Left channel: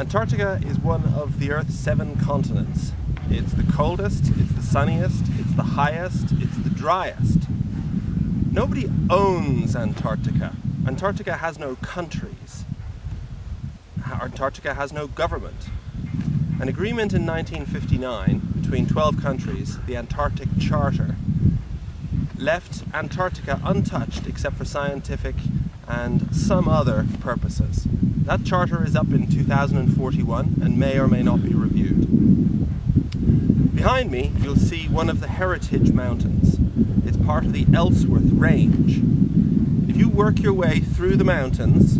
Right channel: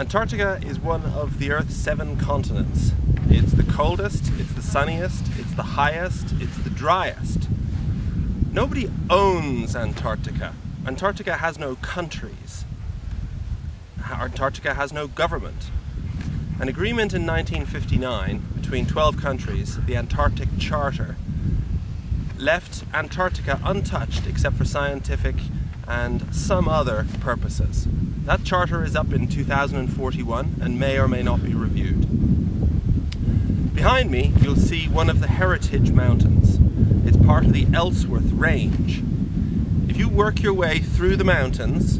Antarctica is one of the Earth's 7 continents. It's the coldest, it's the sunniest, it's the highest, it's the driest. Nobody owns Antarctica. Antarctica has no countries. Antarctica has no government. An agreement in 1959 between 12 countries, the Antarctic Charter, left Antarctica untouched except for scientific and some other purposes. That charter is up in 2041 and may or may not be reviewed. Behind me you'll see one of the Heritage Mountains. It's part of the Ellsworth Range. If you work your way through the mountains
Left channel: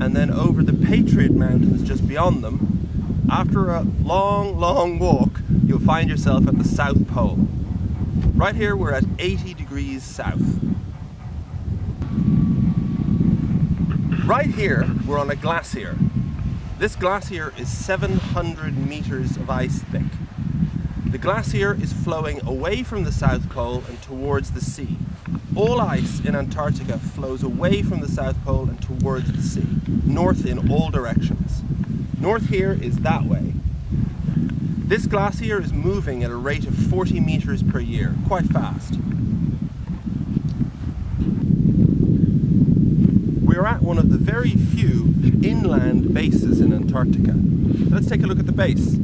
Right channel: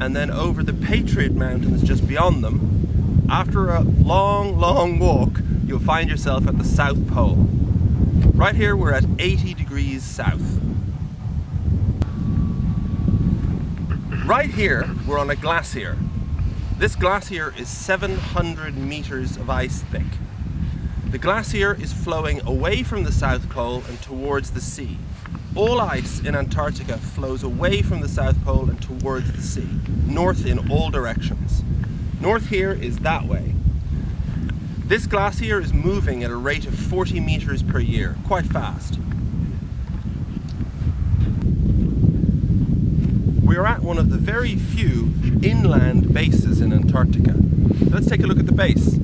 and then over the Patriot Mountains just beyond them, after a long walk you'll find yourself at the South Pole. Right here we're at 80 degrees south. Right here we're on a glacier. This glacier is 700 meters of ice thick. The glacier is flowing away from the South Pole and towards the sea. All ice in Antarctica flows away from the South Pole and towards the sea, north in all directions. North here is that way. This glacier is moving at a rate of 40 meters per year, quite fast. We're at one of the very few inland bases in Antarctica. Let's take a look at the base.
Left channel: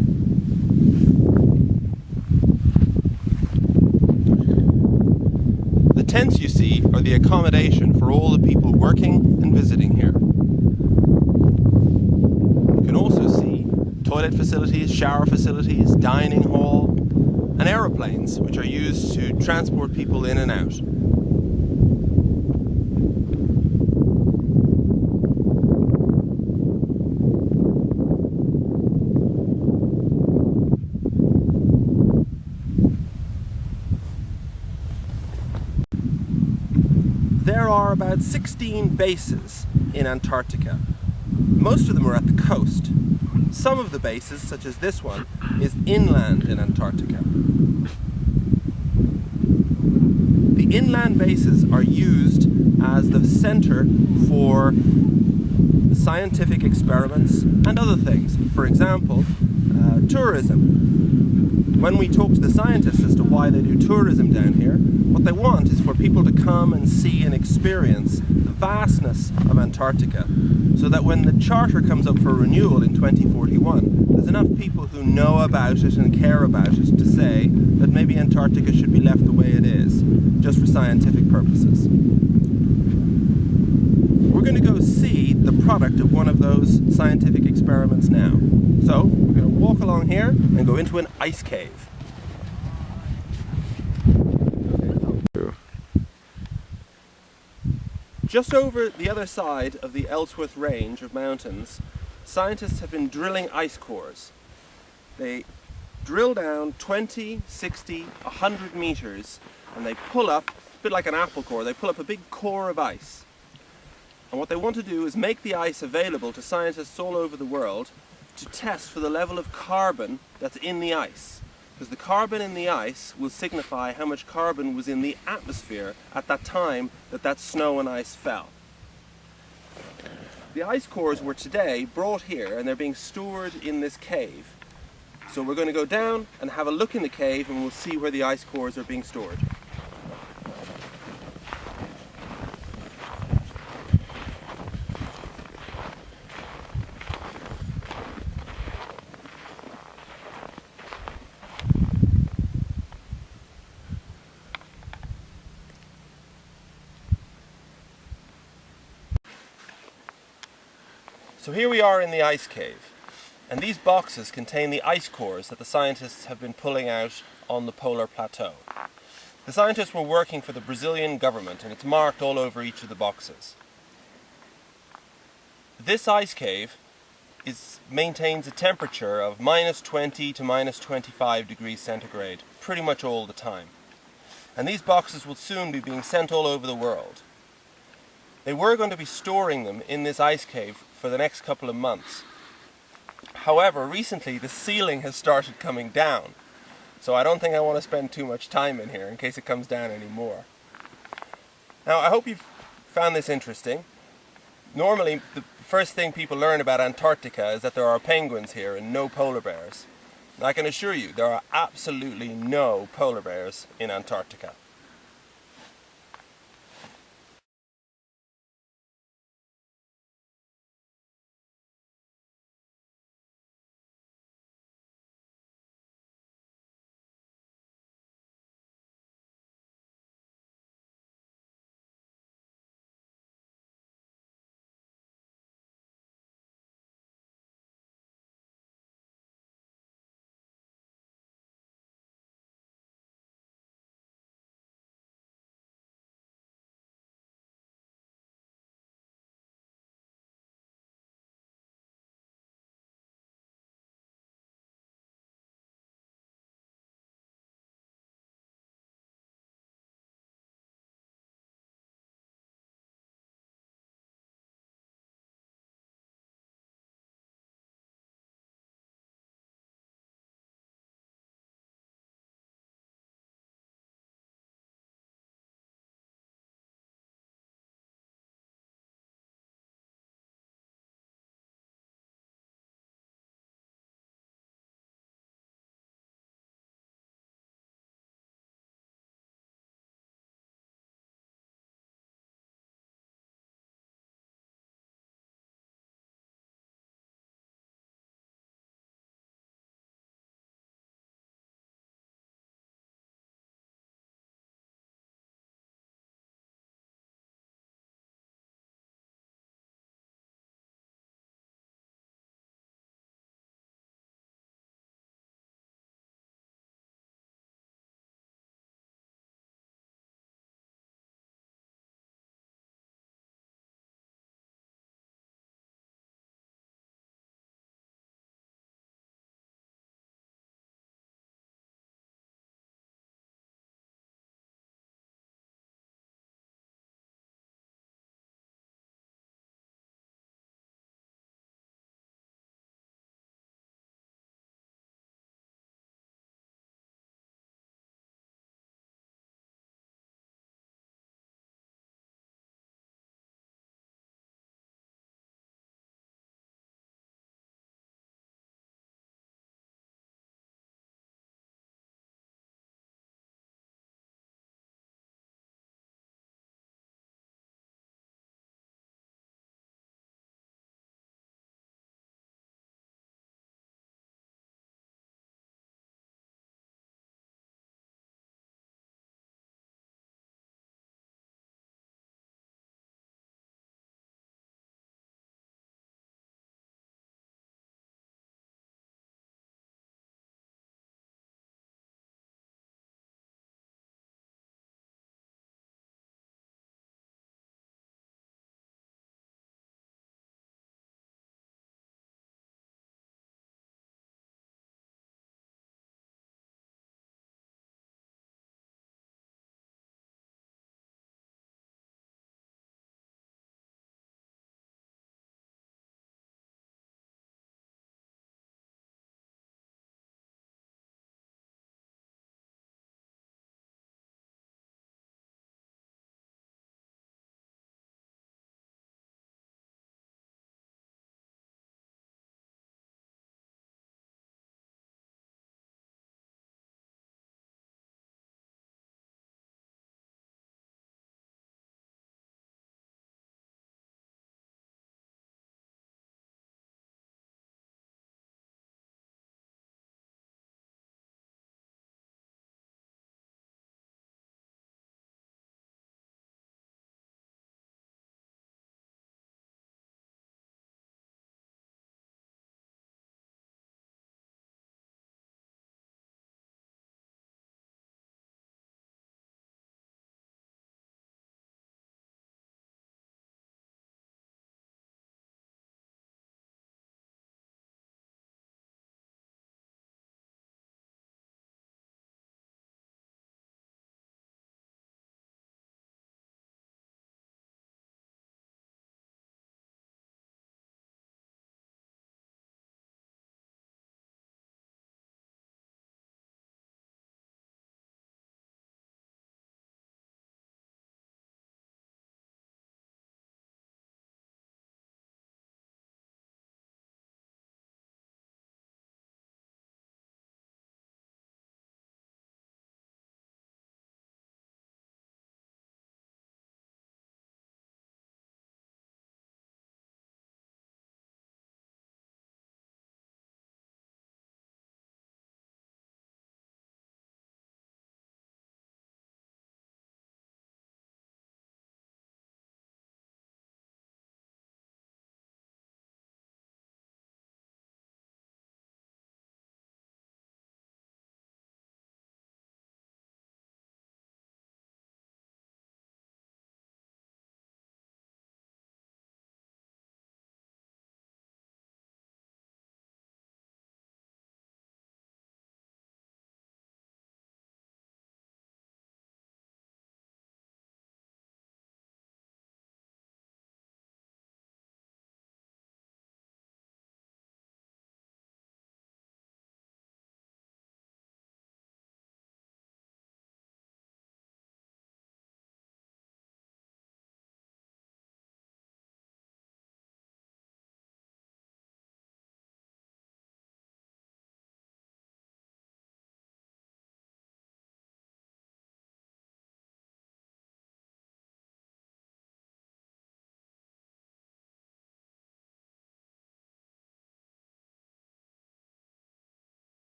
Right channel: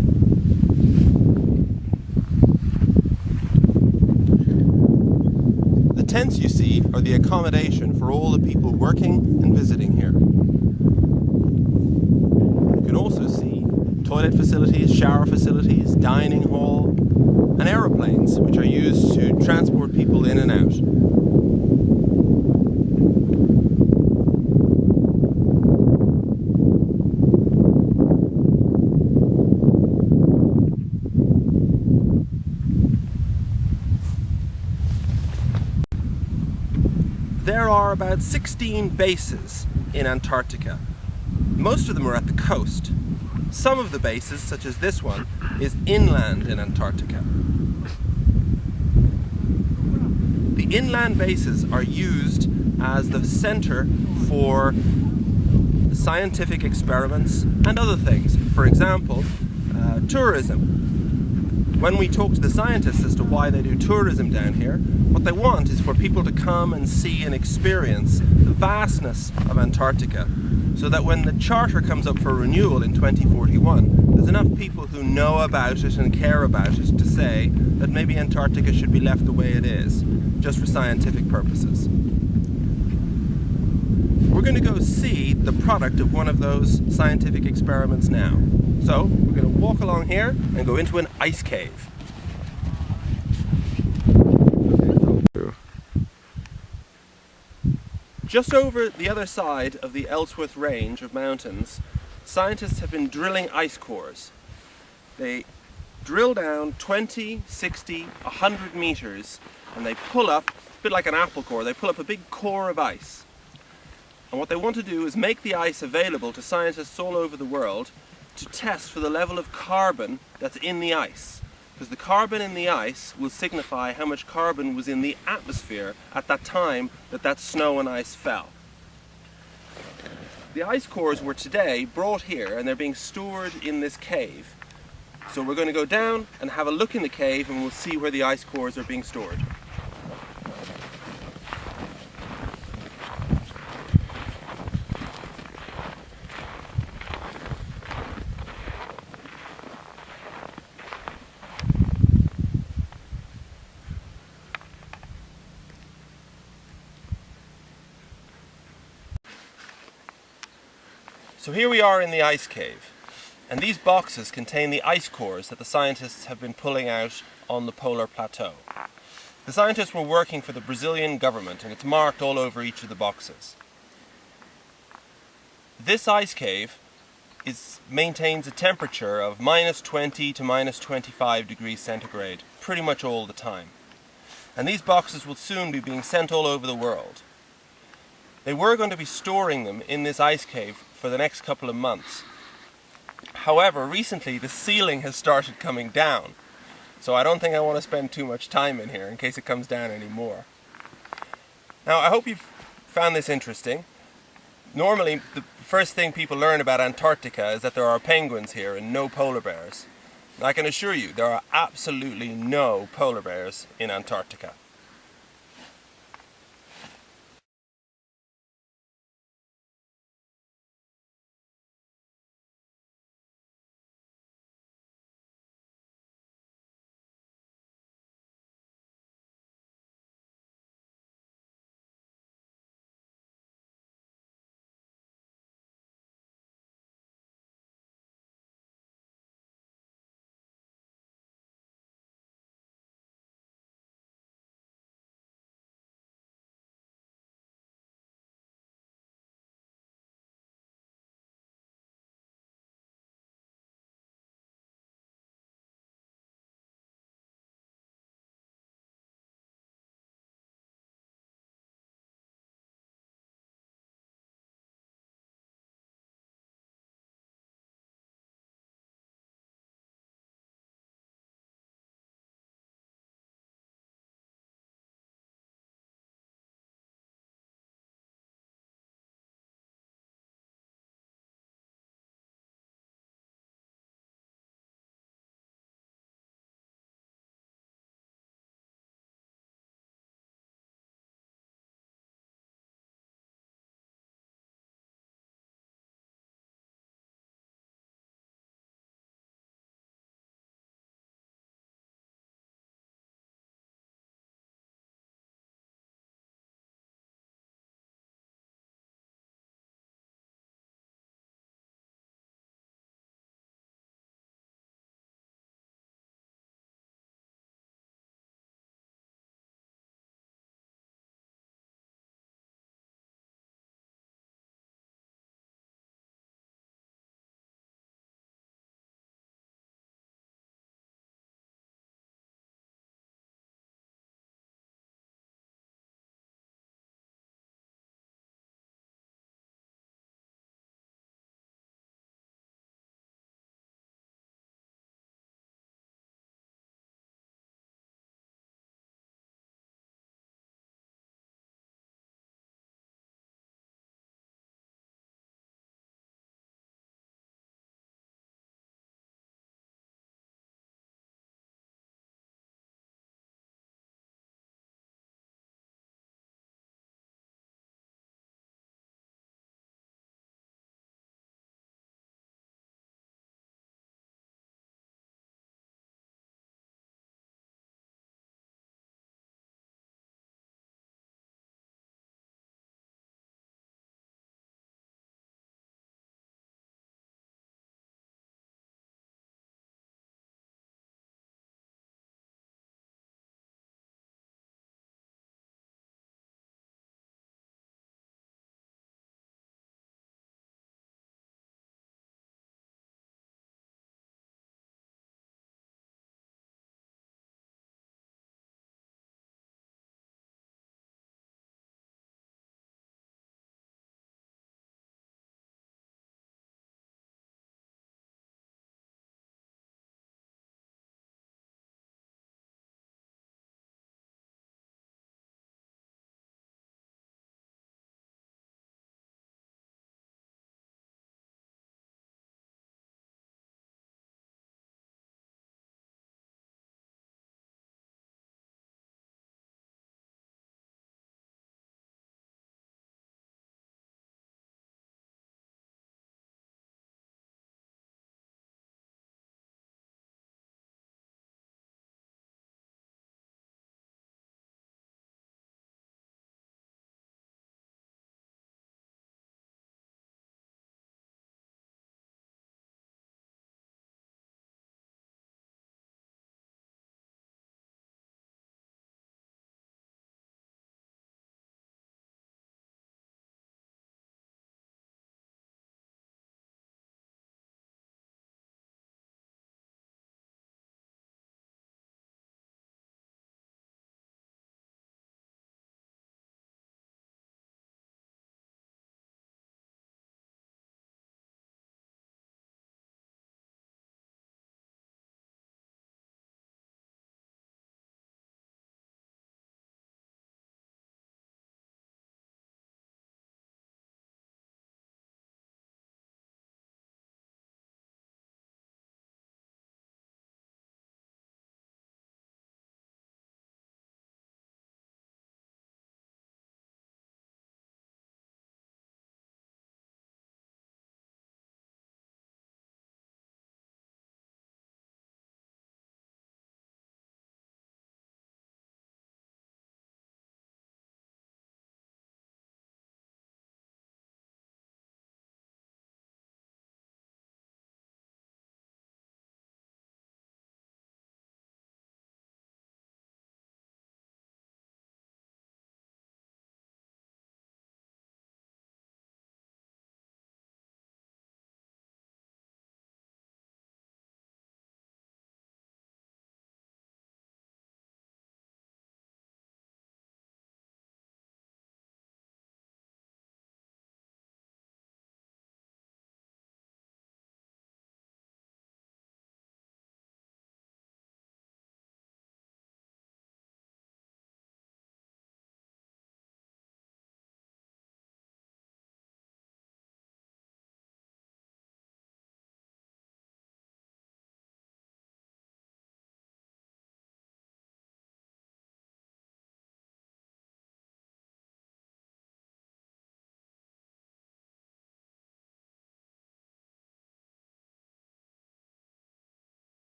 The tents you see are the accommodation for all the people working and visiting here. You can also see toilet facilities, shower facilities, dining hall, and aeroplanes, which are used to transport people in and out. There are about 16 bases in Antarctica. Most of them are at the coast. Some of the bases, such as this one, is inland in Antarctica. The inland bases are used as the center for scientific experiments and other things. For example, tourism. When we talk to the scientists as to why they do tourism down here, what they want is for people to come and see and experience the vastness of Antarctica, so that when the charter comes up for renewal in 2041, there's enough people who know about it and care about it to say that maybe Antarctica should be left the way it is, just for scientific purposes. We're going to go see the product of one of those scientific experiments now. So, we're going to walk along here and go into an ice cave. Just over the other side of the Ellsworth Range of mountains, scientists have been drilling ice cores. They drill down 20, 60, 100 meters and they pull up, a bit like an apple core, they pull up a big core of ice. And what they want to do is make the ice available to scientists all over the world to test for the level of carbon that's in the ice. Because the carbon in the ice will signify how much carbon was in the atmosphere at that time that snow and ice fell. The ice cores were today brought here and they're being stored in this cave. So we're going to go down and have a look in the cave and we'll see where the ice cores are being stored. So here we are in the ice cave, and these boxes contain the ice cores that the scientists have been pulling out on the polar plateau. The scientists were working for the Brazilian government, and it's marked all over each of the boxes. This ice cave maintains a temperature of -20 to -25 degrees centigrade pretty much all the time. And these boxes will soon be being sent all over the world. They were going to be storing them in this ice cave for the next couple of months. However, recently the ceiling has started coming down, so I don't think I want to spend too much time in here in case it comes down any more. Now, I hope you've found this interesting. Normally, the first thing people learn about Antarctica is that there are penguins here and no polar bears. And I can assure you, there are absolutely no polar bears in Antarctica.